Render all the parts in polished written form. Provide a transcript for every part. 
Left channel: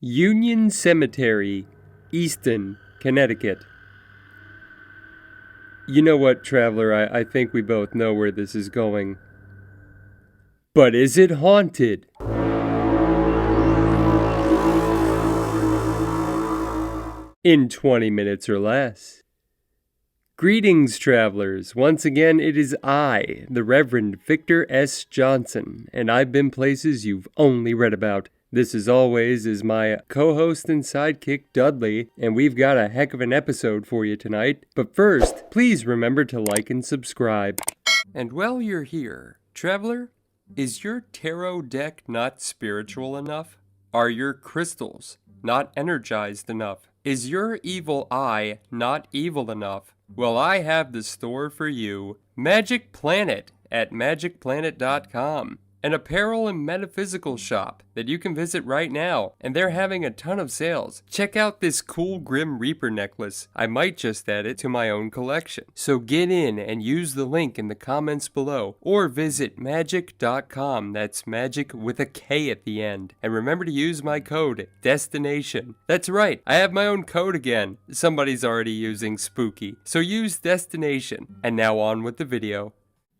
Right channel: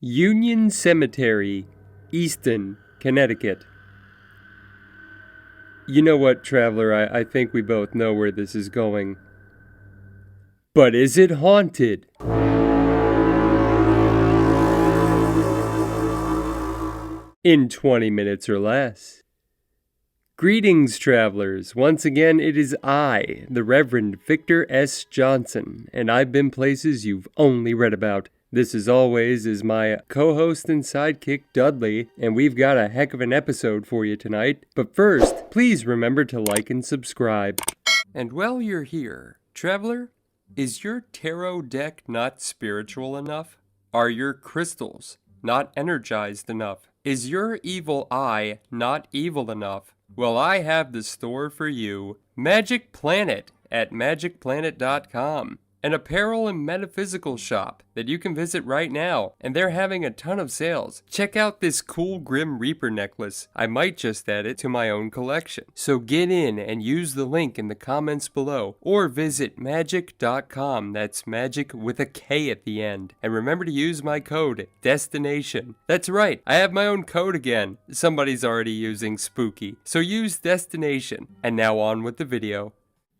Union Cemetery, Easton, Connecticut. You know what, traveler, I think we both know where this is going. But is it haunted? In 20 minutes or less. Greetings, travelers. Once again, it is I, the Reverend Victor S. Johnson, and I've been places you've only read about. This, as always, is my co-host and sidekick, Dudley, and we've got a heck of an episode for you tonight. But first, please remember to like and subscribe. And while you're here, traveler, is your tarot deck not spiritual enough? Are your crystals not energized enough? Is your evil eye not evil enough? Well, I have the store for you. Magick Planet at magickplanet.com. An apparel and metaphysical shop that you can visit right now, and they're having a ton of sales. Check out this cool Grim Reaper necklace. I might just add it to my own collection. So get in and use the link in the comments below, or visit magick.com. That's magic with a K at the end. And remember to use my code, DESTINATION. That's right, I have my own code again. Somebody's already using spooky. So use DESTINATION. And now on with the video.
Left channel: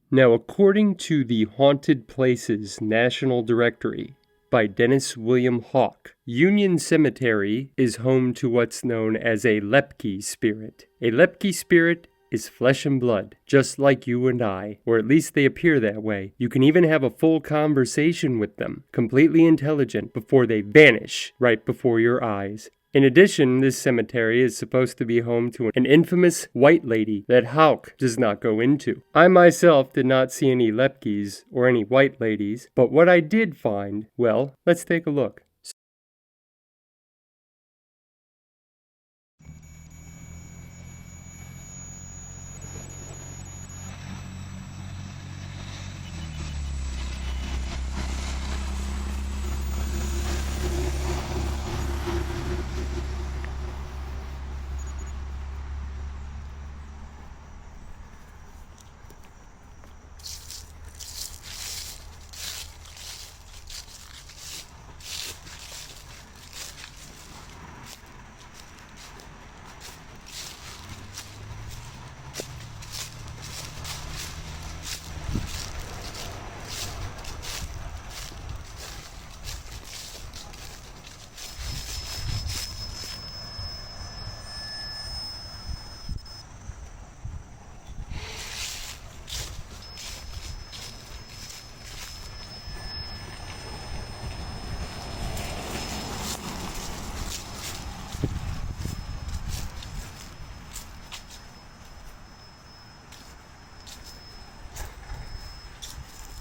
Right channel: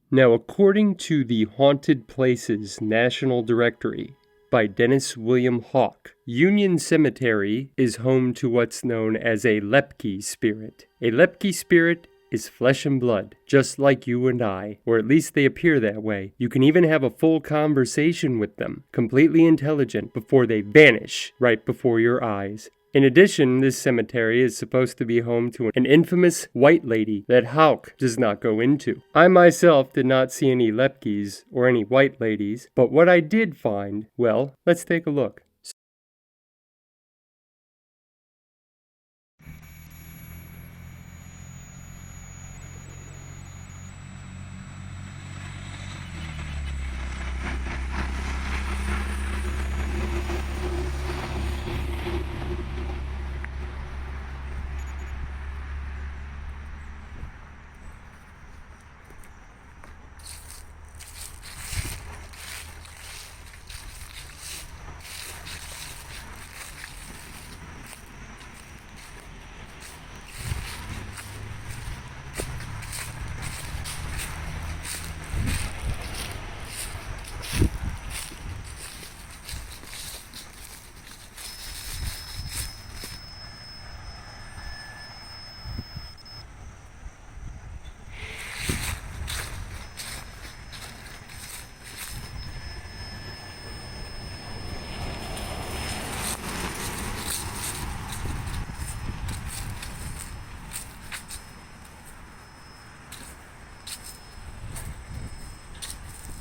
Now, according to the Haunted Places National Directory by Dennis William Hawke, Union Cemetery is home to what's known as a Lepke spirit. A Lepke spirit is flesh and blood, just like you and I, or at least they appear that way. You can even have a full conversation with them, completely intelligent, before they vanish right before your eyes. In addition, this cemetery is supposed to be home to an infamous white lady that Hawke does not go into. I myself did not see any Lepkes or any white ladies, but what I did find, well, let's take a look.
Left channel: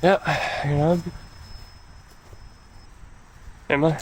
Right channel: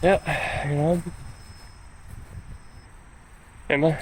Yeah, am I?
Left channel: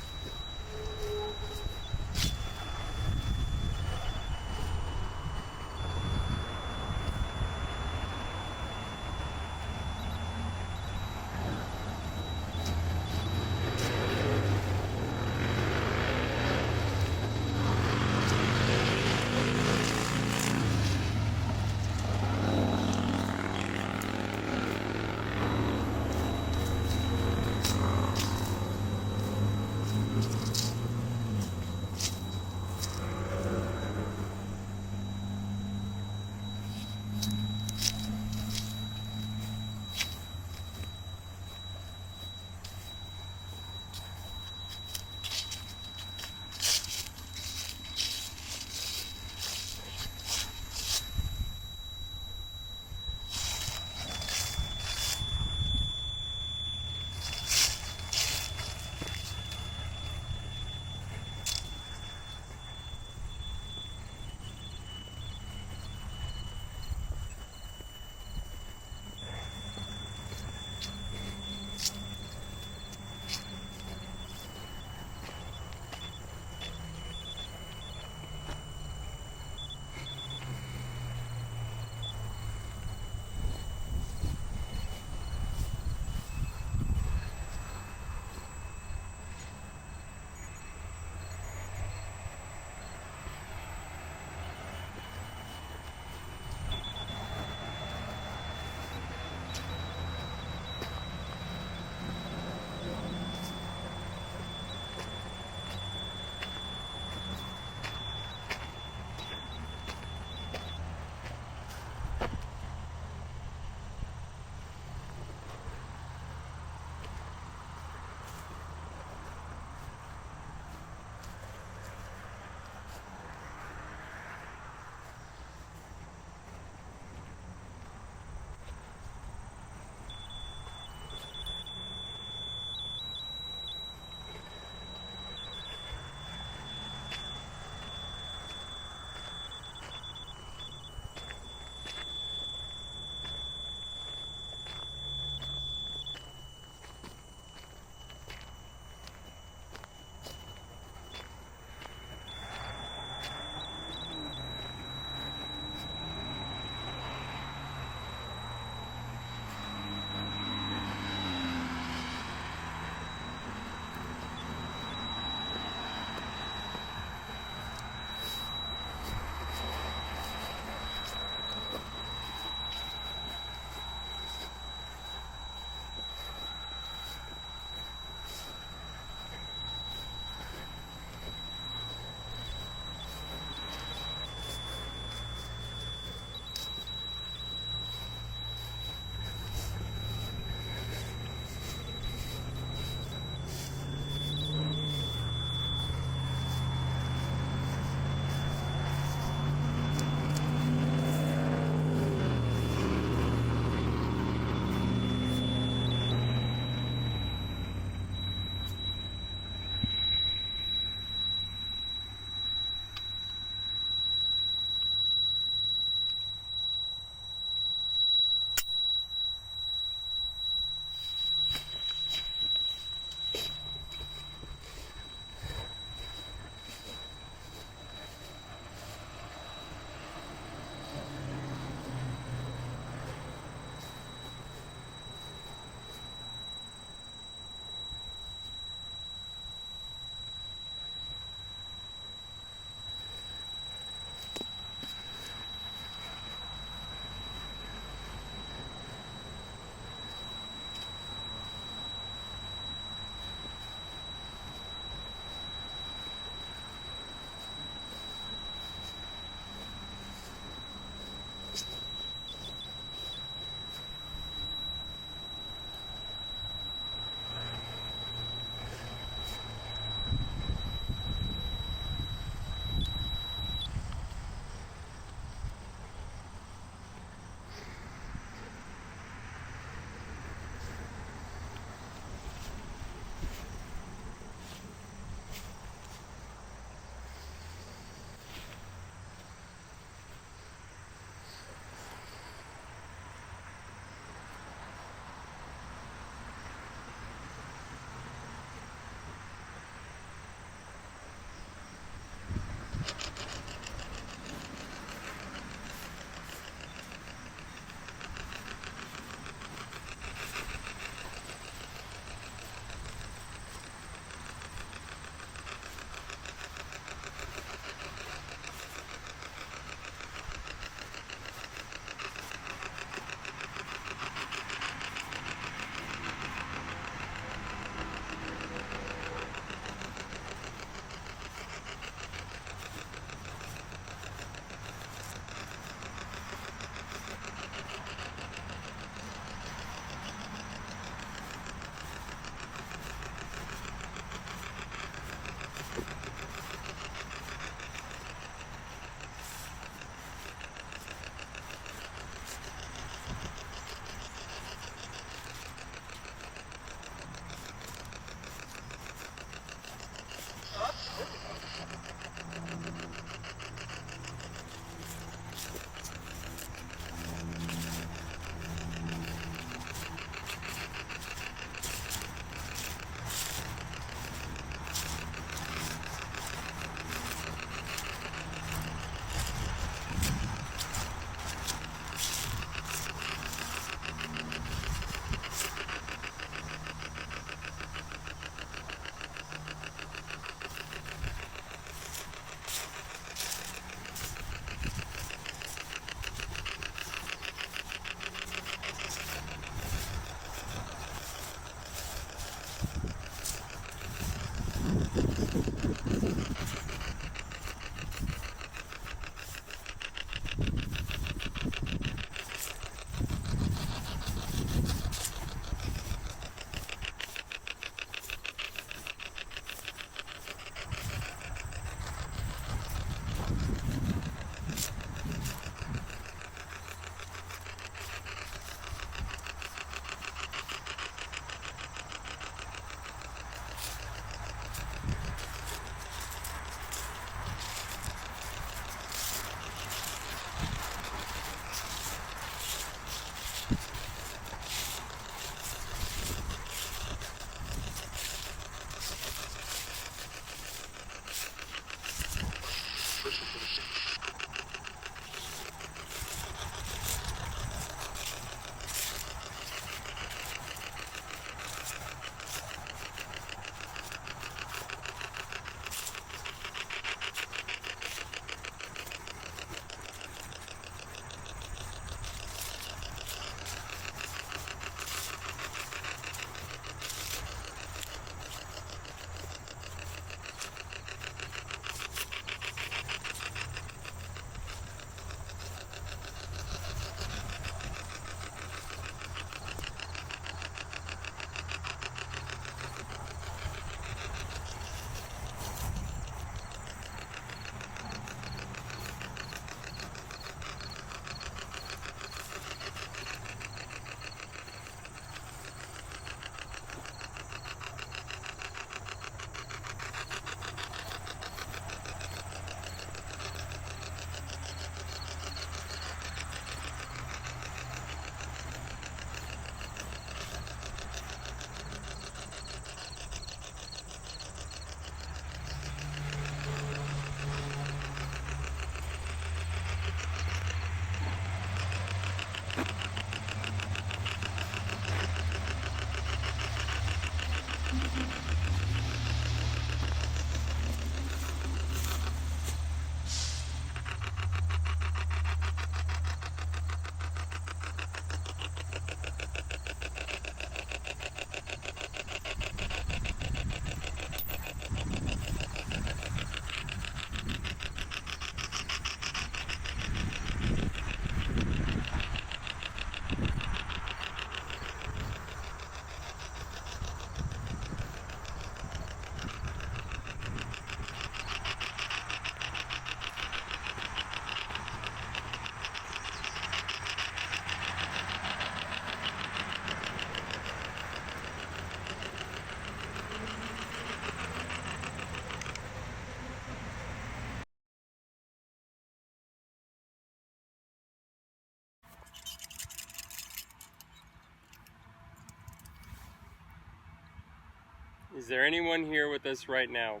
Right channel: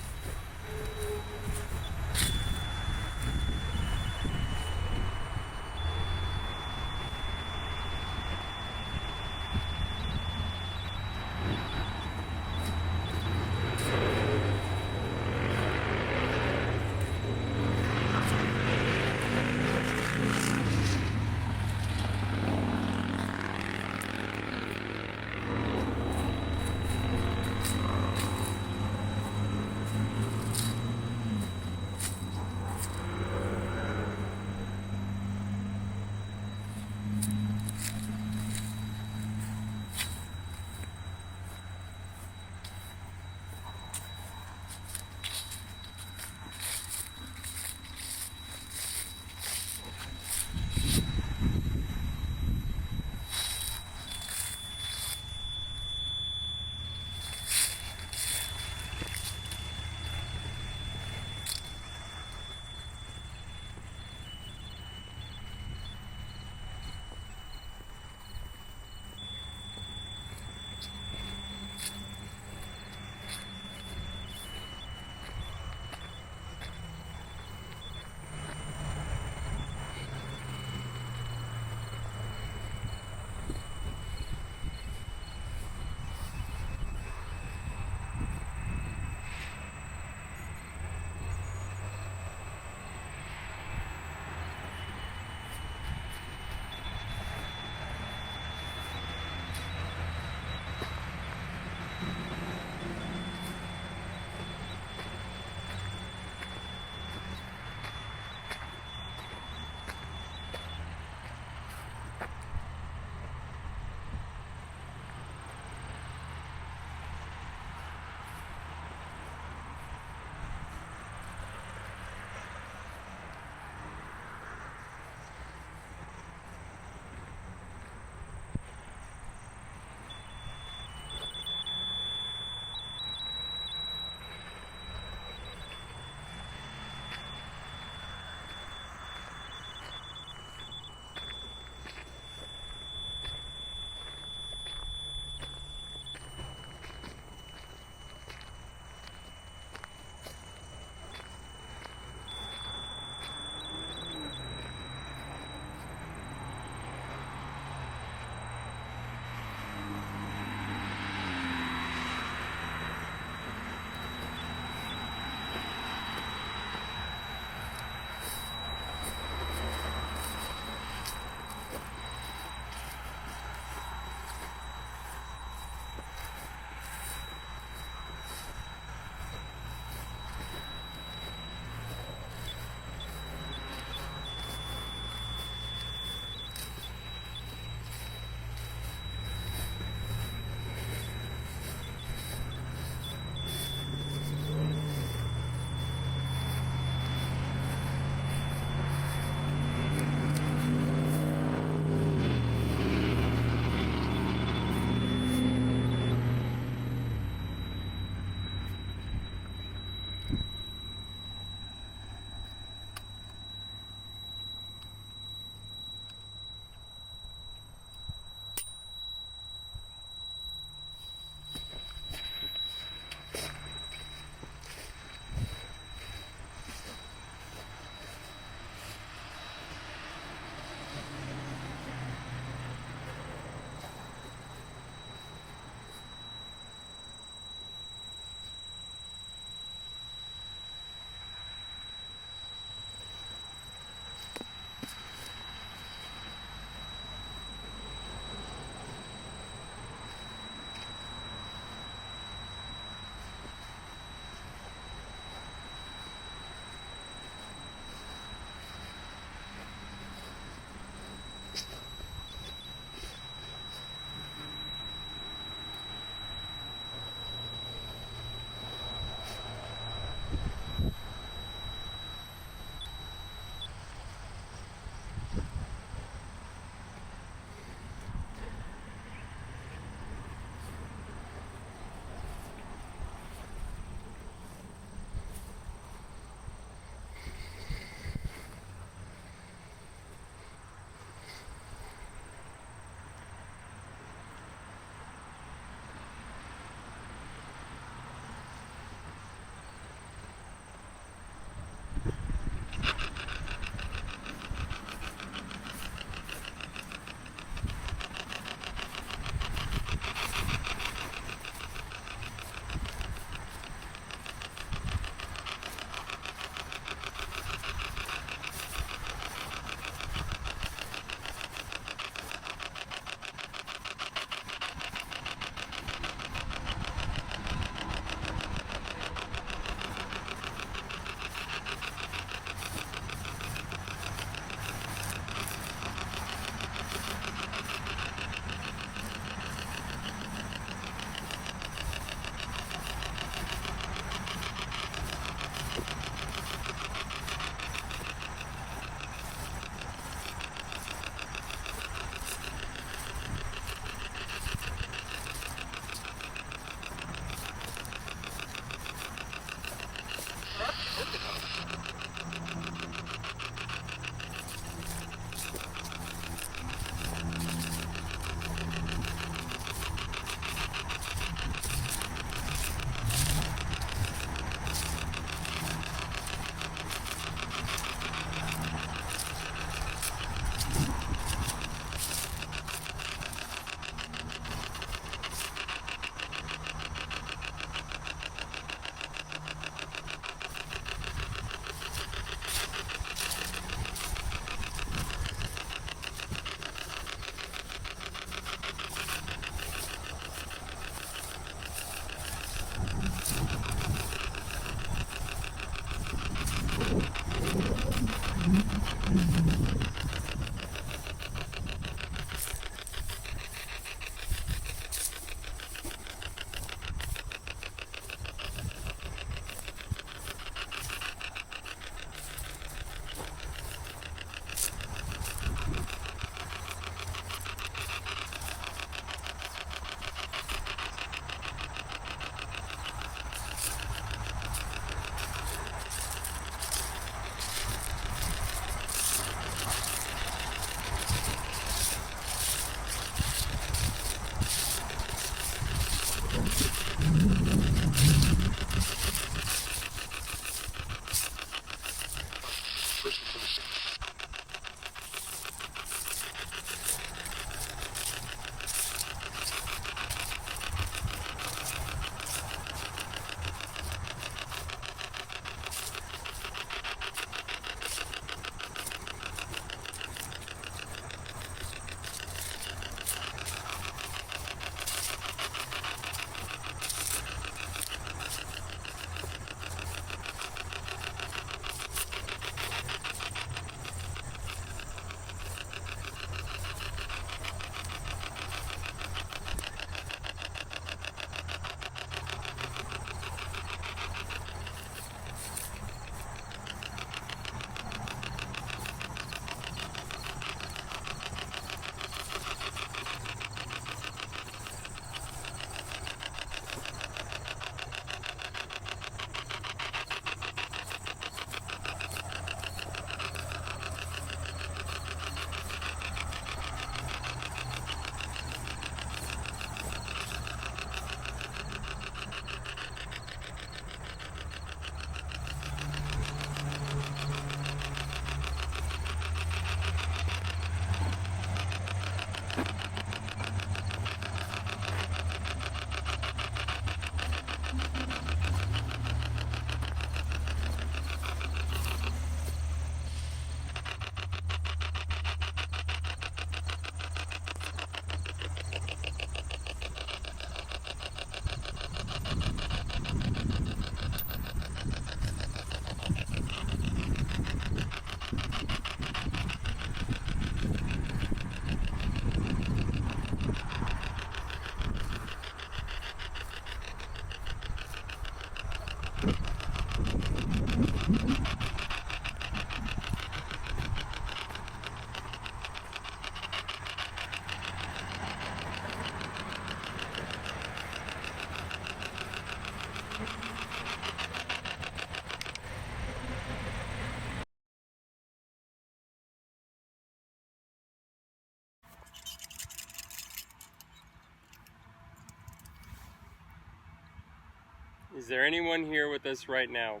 Is there anyone here with us right now?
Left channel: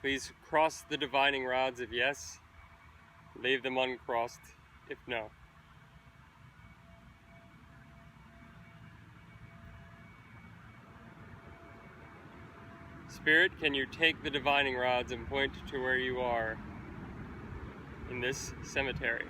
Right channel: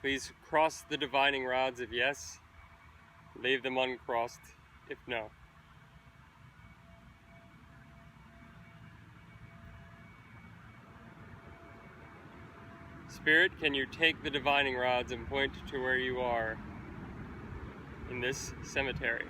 Please cross the divining rods if yes. Leave them uncrossed if no. Spirit, can you take the divining rods and point to where you are in this cemetery?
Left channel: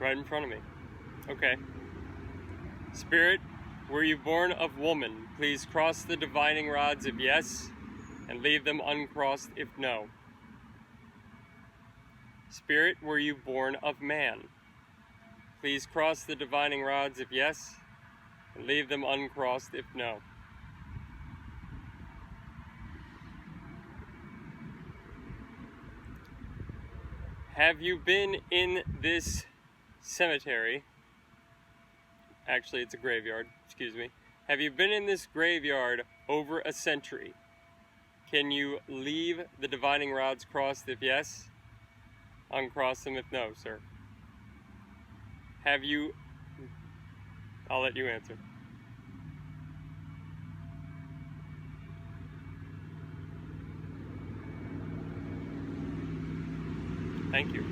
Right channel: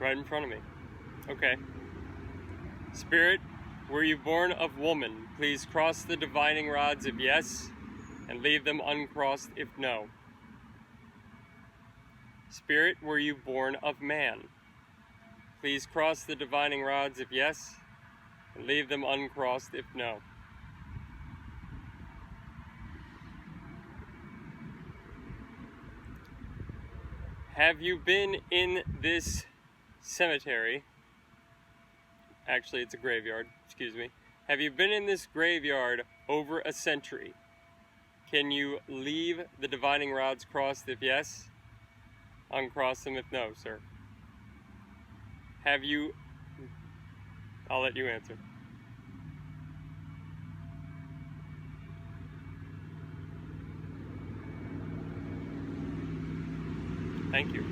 Right in front of me. Okay. Spirit, were you born of woman? Please cross the divining rods if yes, and leave them uncrossed if no. Spirit, were you born of man? Please cross the divining rods if yes, and leave them uncrossed if no. Have you been in this cemetery? Actually, it's a graveyard, excuse me. Have you been in this graveyard over a century? Can you leave the divining rods crossed if yes? Uncross them if no, sir. Have you... I'll let you answer. Thank you.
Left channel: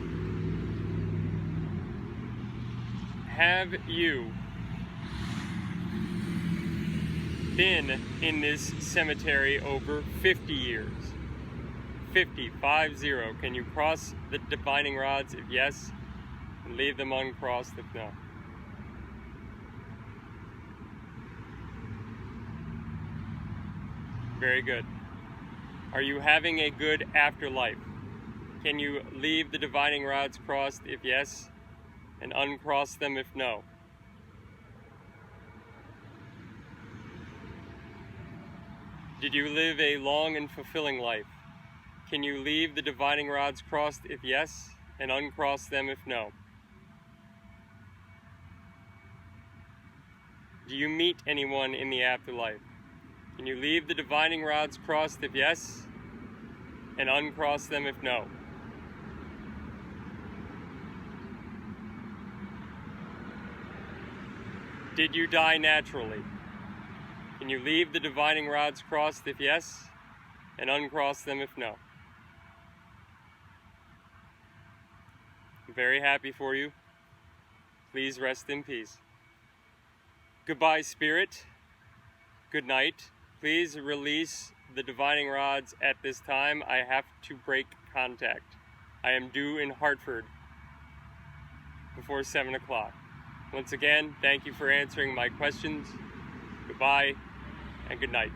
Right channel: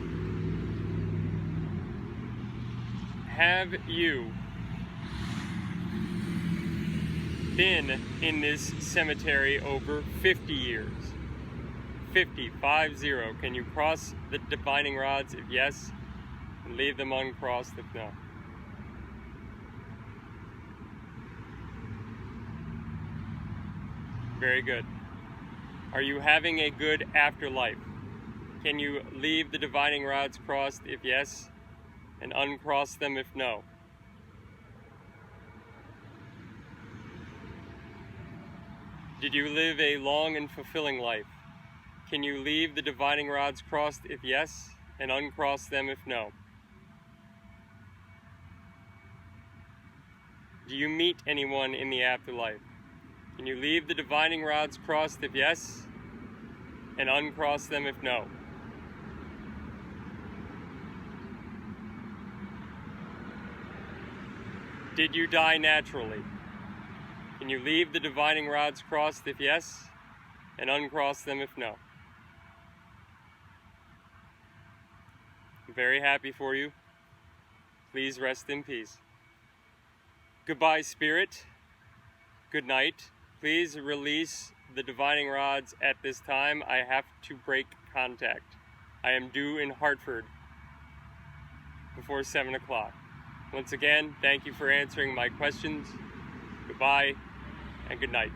Have you been in this cemetery over 50 years? 50. Can you cross the divining rods if yes, and leave them uncrossed if no? Very good. Are you having a good afterlife? Can you leave the divining rods crossed if yes, and uncross them if no? Did you live a long and fulfilling life? Can you leave the divining rods crossed if yes, and uncross them if no? Do you meet anyone in the afterlife? Can you leave the divining rods crossed if yes, and uncross them if no? Did you die naturally? Can you leave the divining rods crossed if yes, and uncross them if no? I'm very happy for you. Please rest in peace. Goodbye, Spirit. Good night. Please release the divining rods at this time. I have to break contact. I am due in Hartford before 7 o'clock. Once again, thank you for answering my questions. Goodbye and good night.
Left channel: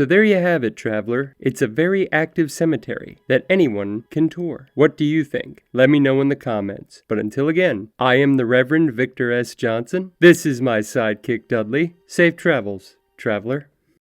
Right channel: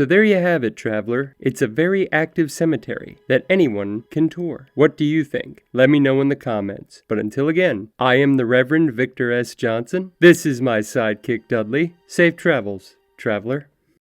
So there you have it, traveler. It's a very active cemetery that anyone can tour. What do you think? Let me know in the comments. But until again, I am the Reverend Victor S. Johnson. This is my sidekick, Dudley. Safe travels, traveler.